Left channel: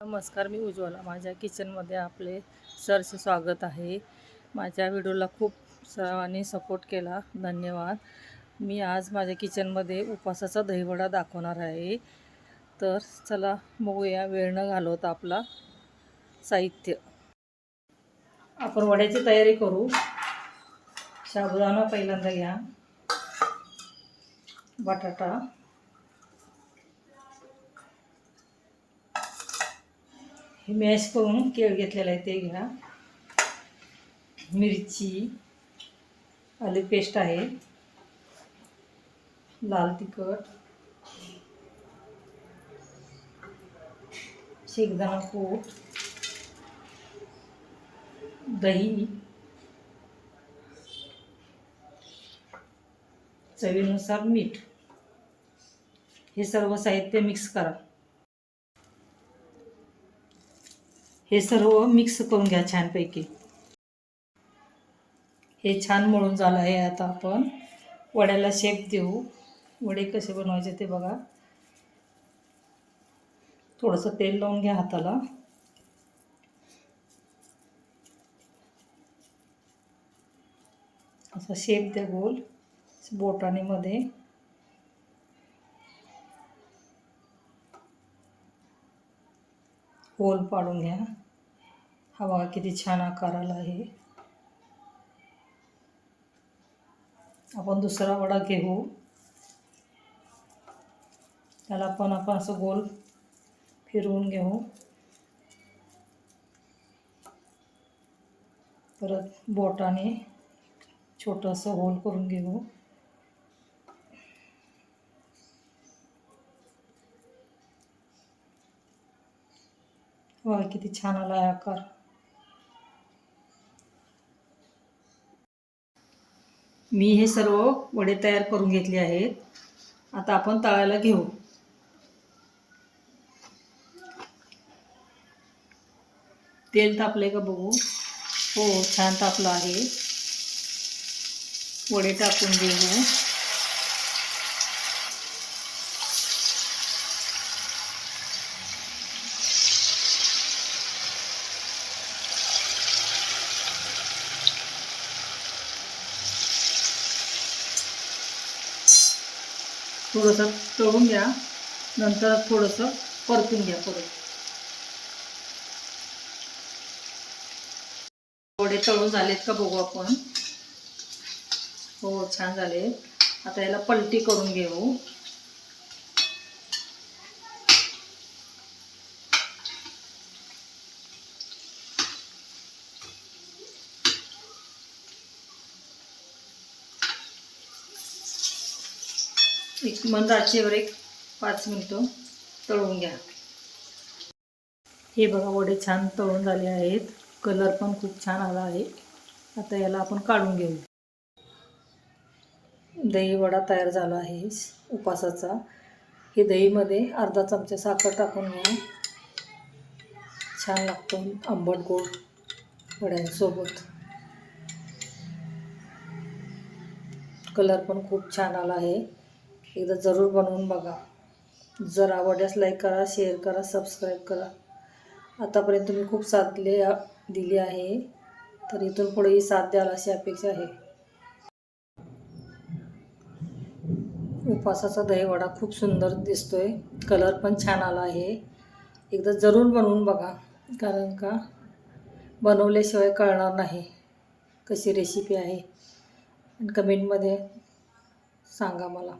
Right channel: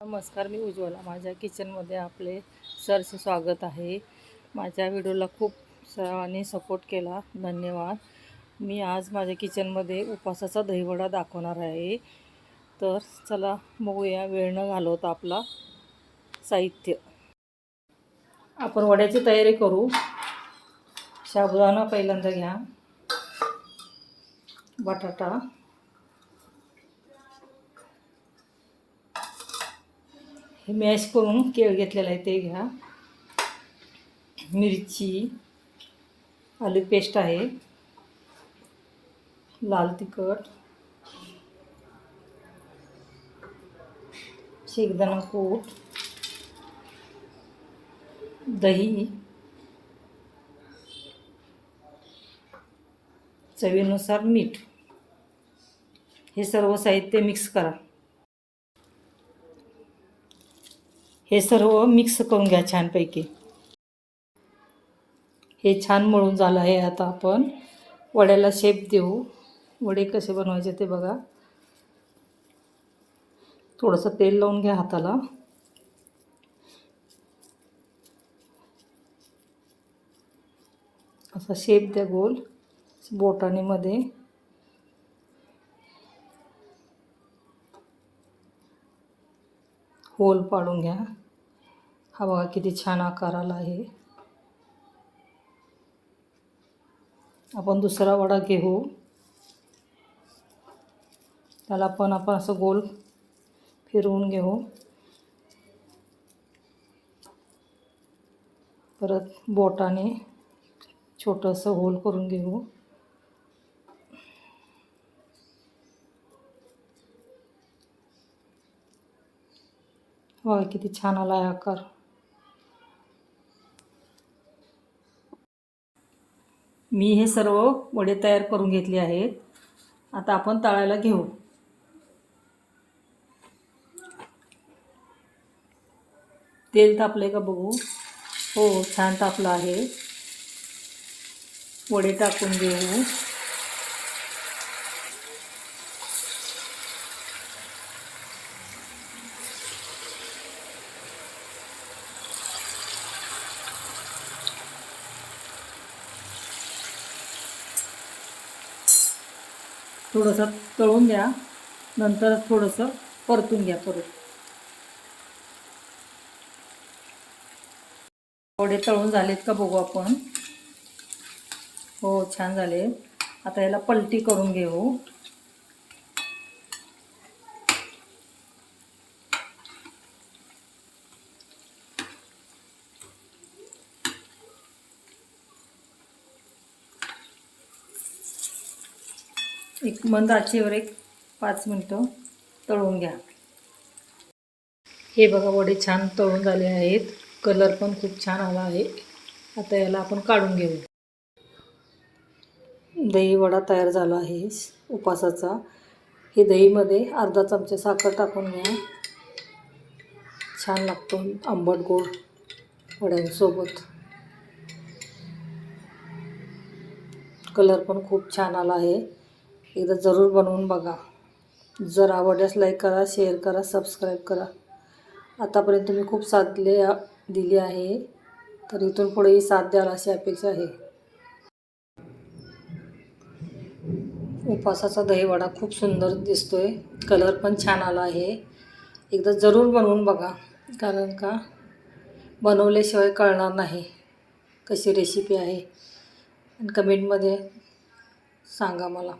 नमस्कार, मी उज्ज्वला. माझ्या किचनमध्ये आपले सरचे स्वागत आहे. माझ्या व्हिडिओला खूप सर्वांनी सपोर्ट केला, धन्यवाद. मी आज माझ्या किचनमध्ये उपासाचा दहीवडा दाखवणार आहे. तर चला बघूया, वेळ न घालवता आपला साहित्य. आपण वड्याची तयारी करू. साबुदाणा पहिल्यांदा घ्या, बटाटा, हे मॅश करून केळ घेतलेला आहे ते घ्या, मिरची, आलं पेस्ट आहे, लाल तिखट, शेंगदाणा कूट, दही, चवीनुसार मीठ. हे सर्व साहित्य मिक्स करा. हे सर्व मिक्स करून घ्या छानपैकी. हे छान मळून झालं आहे. आता आपण वड्याला शेप देऊ. वडे कसे बनवायचे ते बघा. थोडंसं तेल लावून घ्या हाताला. असा शेप द्या गोल बोटाने मध्ये. होल पाडून घ्या. हा बघा किती छान आकार आला आहे. आपण दुसरा वडा घेऊ. त्याला पण आपण असं गोल फिरवून घेऊ. परत बोटाने छोटंसं होल करून घेऊ. वा किती छान आला आहे आकार. मी हे सर्व वडे तयार करून घेतले आहेत. आता आपण तळायला घेऊ. तेल तापले का बघू. हो, छान तापलं आहे. वडे टाकून घेऊ. थोडंसं तळून घ्या, नंतर थोडंसं परतून घ्या परत. वडे तळून झालेत का बघू आपण. हो, छान झाले. आता याला पलटी करून घेऊ. एक मंद आचेवर 5 मिनिटं तळून घ्या. हे बघा, वडे छान तळून झाले आहेत. कलर पण खूप छान आला आहे. आता याला आपण काढून घेऊ. दही वडा तयार झाला आहे उपासाचा. हे दहीमध्ये अर्धा चमचा साखर टाकून घ्या. छान लागतो आंबट गोड वड्यांसोबत. कलर पण खूप छान आला आहे. एकदा जरूर बनवून बघा. जर आवडल्यास लाईक करा, शेअर करा, सबस्क्राईब करा. आतापर्यंत तुम्ही खूप साथ दिली आहे, तर इथून पुढेही साथ द्याल अशी अपेक्षा आहे. उपासाचा दहीवडा खूप सुंदर दिसतोय. कलर पण छान आला आहे. एकदा जरूर बनवून बघा, कारण का बनवल्याशिवाय कळणार नाही कशी रेसिपी आहे. आणि कमेंटमध्ये सांगा मला.